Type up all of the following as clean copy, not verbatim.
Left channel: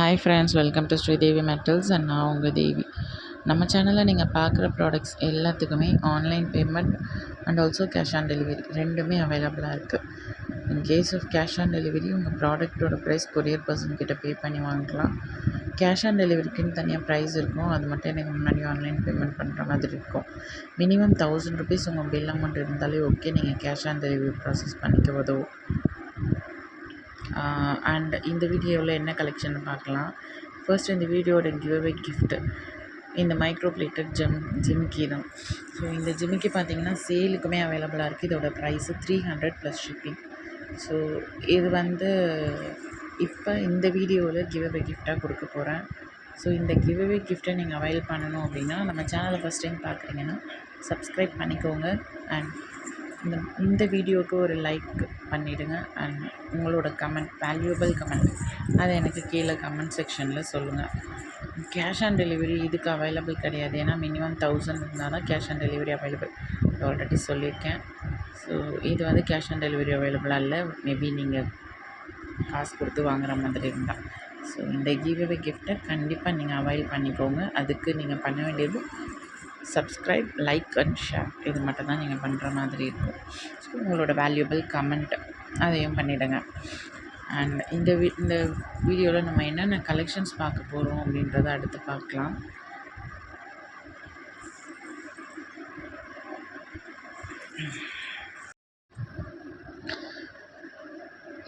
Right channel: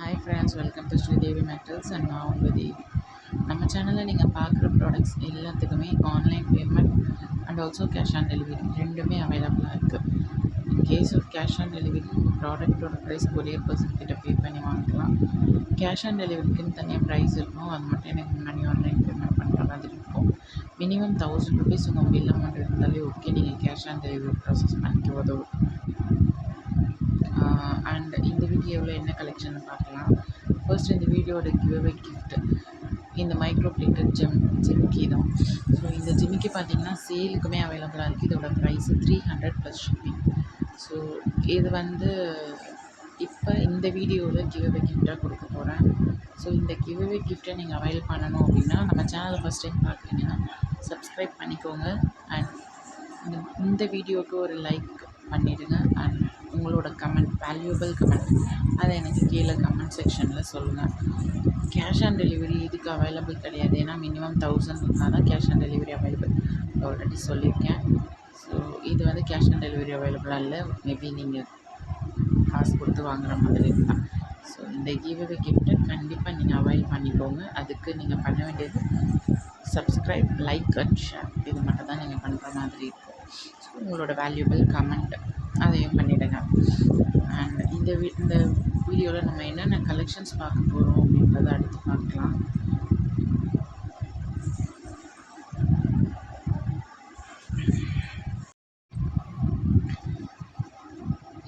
Hi friends, welcome to Sridevi metals and நான் உங்கள் தேவி. நம்ம சேனலில் நீங்கள் பார்க்குற ப்ராடக்ட்ஸ் எல்லாத்துக்குமே online payment and also cash on delivery ரெண்டுமே அவைலபிளாக இருக்குது. In case of cash on delivery உங்கள் ப்ராடக்ட்டோட ப்ரைஸ் கொரியர் பர்சன் கிட்ட பே பண்ணி வாங்கிக்கலாம். கேஷ் ஆன் டெலிவரிக்குன்னு தனியாக ப்ரைஸ் இருக்கும். அது மட்டும் எனக்கு முன்னாடி ஆன்லைன் பேமெண்ட் பண்ணுற மாதிரி இருக்கும். மினிமம் ₹1000 உங்கள் பில் அமௌண்ட் இருந்தாலே ஓகே, நீங்கள் கேஷ் ஆன் டெலிவரி ப்ராசஸ் பண்ணிக்க உதவும். அண்ட் இந்த வீடியோவில் என்ன கலெக்ஷன் பார்க்கலாம். ஃபர்ஸ்ட் இந்த வீடியோட கிவ்அவே கிஃப்ட் இந்த மைக்ரோ பிளேட்டட் ஜிமிக்கி தான். ஸோ இந்த ஜிமிக்கி பார்த்தீங்கன்னா சேலுக்குமே அவைலபிளாக இருக்குது. இதோட ப்ரைஸு 300 ப்ளஸ் ஷிப்பிங். ஸோ இது இப்போ இந்த வீடியோவில் கிவ்அவே கிஃப்டாக கொடுக்க போகிறேன். ஸோ இந்த கிவ்அவே கிஃப்ட்டை நீங்கள் அவைல் பண்ணணும் அப்படின்னா நம்ம சேனலை ஃபஸ்ட் டைம் பார்க்குறீங்கன்னா சப்ஸ்கிரைப் பண்ணிக்கோங்க. அண்ட் இந்த வீடியோவுக்கு ஒரு லைக் பண்ணிவிடுங்க. அண்ட் உங்களோட கமெண்ட், வேல்யூபிள் கமெண்ட், அதை எனக்கு கீழே கமெண்ட் செக்ஷனில் சொல்லுங்கள். கேஷ் ஆன் டெலிவரி இதுக்கு அவைலபிள் கிடையாது. ஏன்னா மினிமம் 1000 இருந்தால் தான் cash on delivery available. Already சொல்லியிருக்கேன். ஸோ இது கேஷ் ஆன் டெலிவரி அவைலபிளாக இல்லை. மேபி நீங்கள் காசு கொடுத்து வாங்குகிற மாதிரி இருந்தால். ஸோ இந்த கிவ்அவே கிஃப்ட்டை கண்டிப்பாக நீங்கள் அவைல் பண்ணிக்கோங்க. அதுக்கு நீங்கள் பண்ண வேண்டியது சப்ஸ்கிரைப், லைக் அண்ட் ஷேர். இது மட்டும் தான் நீங்கள் பண்ணுற மாதிரி இருக்கும். ஸோ உங்களோட வேல்யூபிள் கமெண்ட் அதையும் பண்ணிவிடுங்க. அண்ட் இந்த வீடியோவில் நம்ம என்னென்ன கலெக்ஷன்ஸ் பார்க்க போகிறோம் அப்படின்றத அடுத்து பார்க்கலாம்.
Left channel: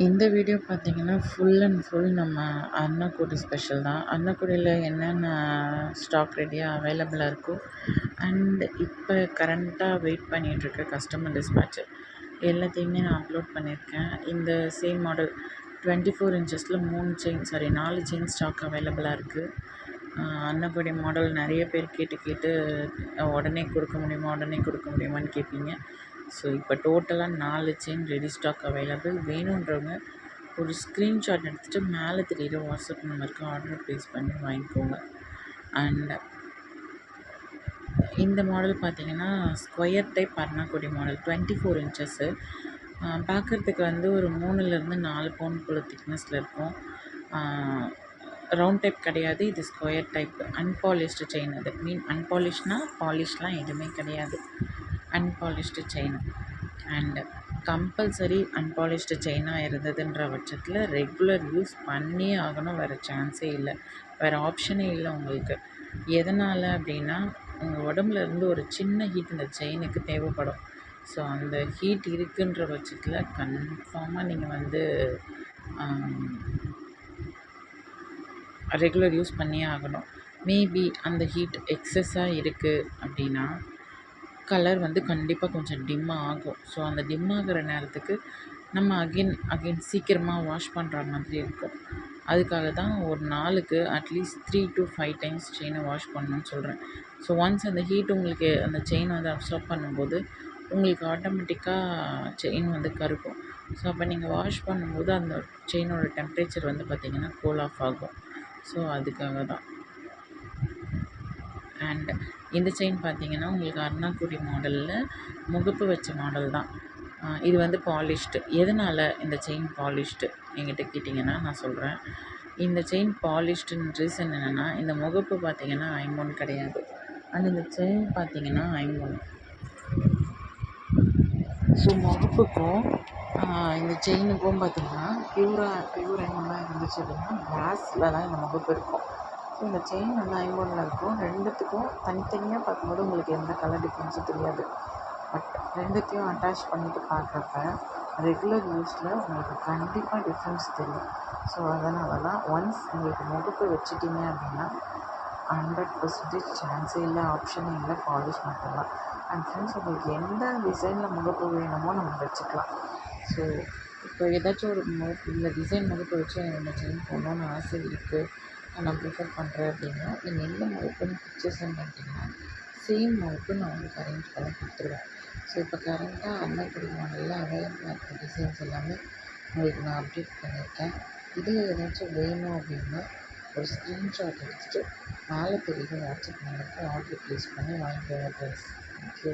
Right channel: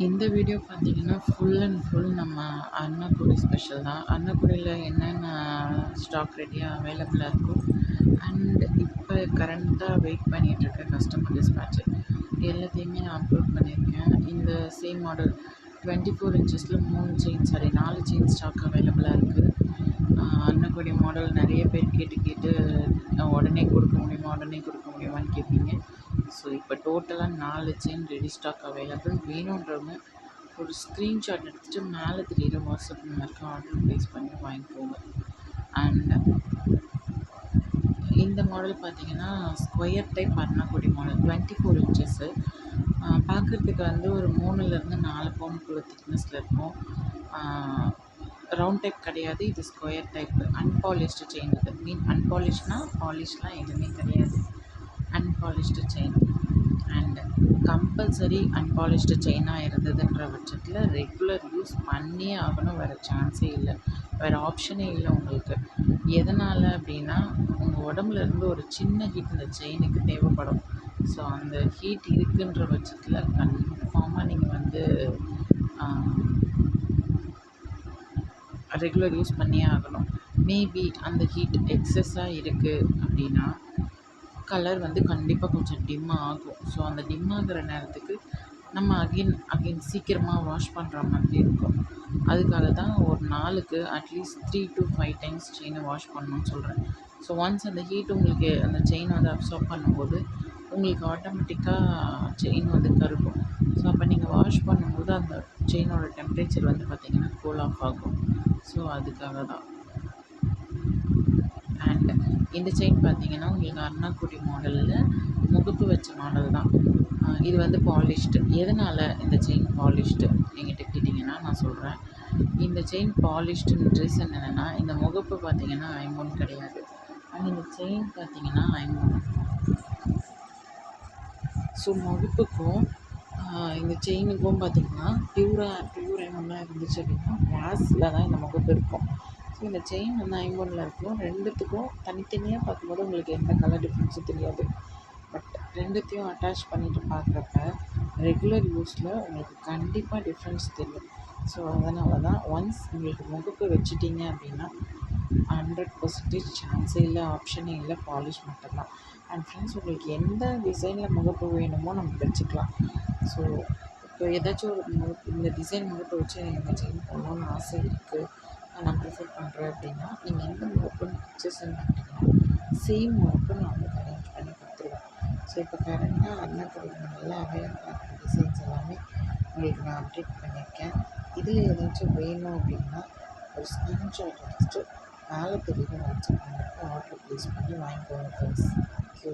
இந்த வீடியோ பார்த்திங்கன்னா ஃபுல் அண்ட் ஃபுல் நம்ம அன்னக்குடி ஸ்பெஷல் தான். அன்னக்குடியில் என்னென்ன ஸ்டாக் ரெடியாக அவைலபிளாக இருக்கோ அண்ட் இப்போ கரண்ட்டாக வெயிட் பண்ணிகிட்ருக்க கஸ்டமர் டிஸ்பேட்ச் எல்லாத்தையுமே நான் அப்லோட் பண்ணியிருக்கேன். இந்த சேம் மாடல் 24 இன்ச்சஸில் 4 செயின் ஸ்டாக் அவைலபிளாக இருக்குது. அன்னக்குடி மாடல் நிறைய பேர் கேட்டு உடனே கொடுக்க முடியுமான்னு கேட்பீங்க. ஸோ இப்போ டோட்டலாக 4 செயின் ரெடி ஸ்டாக் அவைலபிள். வேணுன்றவங்க ஒரு ஸ்க்ரீன்ஷாட் எடுத்துகிட்டு மேலே தெரியுற வாட்ஸ்அப் நம்பருக்கு ஆர்டர் ப்ளேஸ் பண்ணி வாங்கிக்கோங்க. அண்ட் இந்த மாடல் பார்த்திங்கன்னா ஸ்கொயர் டைப் அன்னக்குடி மாடல் 24 இன்ச்சஸ்ஸு. பார்க்குறதுக்கு ஒரு 3லேருந்து 4 பவுனுக்குள்ள திக்னஸில் இருக்கும். ரவுண்ட் டைப் கிடையாது. இது ஸ்கொயர் டைப் அன்பாலிஷ்டு செயின். அது அன்பாலிஷ்னால் பாலிஷ்லாம் எதுவுமே கிடையாது. Unpolished chain. And compulsory unpolished செயினாக இருந்ததுன்ற பட்சத்தில் ரெகுலர் யூஸ் பண்ணியே ஆகணும். வேறு சான்ஸே இல்லை, வேறு ஆப்ஷனே இல்லை உங்களுக்கு. எதனால் அப்படின்னா உங்கள் உடம்புல இருந்து ஒரு சின்ன ஹீட் இந்த செயினுக்கு தேவைப்படும். ஸோ அந்த ஹீட் இருக்குன்ற பட்சத்தில் கன்ஃபார்மாக நீங்கள் ரெகுலர் யூஸ் பண்ணியே ஆகணும். மேபி அந்த ஹீட் எக்ஸஸாக இருக்குது அப்படின்னா கலர் கண்டிப்பாக கொஞ்சம் டிம்மாக ஆகும். ஸோ அந்த டிம் ஆகிற நேரத்துக்கு நம்ம அகெயின் சீக்கிரமாக வாஷ் பண்ணுற மாதிரி இருக்கும். அதுக்காக தான் ஒரு நாளுக்கு அட்லீஸ்ட் 3 to 5 டைம்ஸ் செயினை வாஷ் பண்ணணும்னு சொல்கிறேன். ஸோ ஒன்ஸ் அந்த ஹீட் உங்களுக்கு அந்த செயின் அப்சார்ப் பண்ணும்போது உங்களுக்கு ஆட்டோமேட்டிக்காக செயின் கருக்கும். ஸோ அப்போ நீங்கள் வாஷ் பண்ணும்போது அந்த செயினோட டெம்பரேச்சர் பார்த்திங்கன்னா கூல் ஆஃப் ஆகும். ஸோ அதுக்காக தான். அண்ட் இந்த செயின் பார்த்திங்கன்னா உங்களுக்கு அர்ணாக்குடி மாடலில் முகப்பு வச்ச மாடல் தான். இது பாலிஷ்டு. எதனால் இந்த செயின் பாலிஷ்டு என்கிட்ட கேட்டிங்கன்னா நான் சொல்கிறேன். இந்த செயின் பாலிஷ்டுன்னு ரீசன் என்னென்னா, இந்த முகப்பு பார்த்திங்கன்னா ஐம்பொன் கிடையாது. அண்ட் இந்த செயின் பார்த்திங்கன்னா ஐம்பொன். ஸோ முகப்புக்கும் இந்த செயினுக்கும் பார்த்திங்கன்னா பியூர் ஐம்பொன்னாக இருந்துச்சு அப்படின்னா பிராஸில் தான் இந்த முகப்பு இருக்கும். ஸோ இந்த செயின் ஐம்பொன்னில் இருக்கும். ரெண்டுத்துக்கும் தனித்தனியாக பார்க்கும்போது உங்களுக்கு எந்த கலர் டிஃப்ரென்ஸும் தெரியாது. பட் ரெண்டுத்தையும் அட்டாச் பண்ணிவிட்டு பார்க்குறப்ப ரெகுலர் யூஸில் உங்களுக்கு கண்டிப்பாக டிஃப்ரென்ஸ் தெரியும். ஸோ அதனால தான் ஒன்ஸ் உங்களுக்கு முகப்பு வச்சுட்டிங்க அப்படின்னா 100% சான்ஸே இல்லை, ஆப்ஷனே இல்லை, பாலிஷ் மட்டும்தான். அண்ட் ஃப்ரெண்ட்ஸ், உங்களுக்கு எந்த டிசைனில் முகப்பு வேணுமோ நம்ம வச்சுக்கலாம். ஸோ இப்போ ஏதாச்சும் ஒரு இந்த டிசைன் முகப்பு வச்சு எனக்கு இந்த செயின் போடணுன்னு ஆசை இருக்குது, நான் ப்ரிஃபர் பண்ணுறேன் அப்படின்னா நீங்கள் எந்த முகப்புன்னு பிக்சர் சென்ட் பண்ணிட்டீங்கன்னா சேம் முகப்பு நான் உங்களுக்கு அரேஞ்ச் பண்ணி கொடுத்துருவேன். ஸோ இப்போ கரண்ட்டாக அன்னக்குடி மாடலில் அவைலபிளாக இருக்கிற டிசைன்ஸ் எல்லாமே உங்களுக்கு நான் அப்டேட் பண்ணியிருக்கேன். இதில் ஏதாச்சும் வேணும் அப்படின்னா ஒரு ஸ்க்ரீன்ஷாட் எடுத்துகிட்டு மேலே தெரியுற வாட்ஸ்அப் நம்பருக்கு ஆர்டர் ப்ளேஸ் பண்ணி வாங்கிக்கோங்க ஃப்ரெண்ட்ஸ். தேங்க்யூ.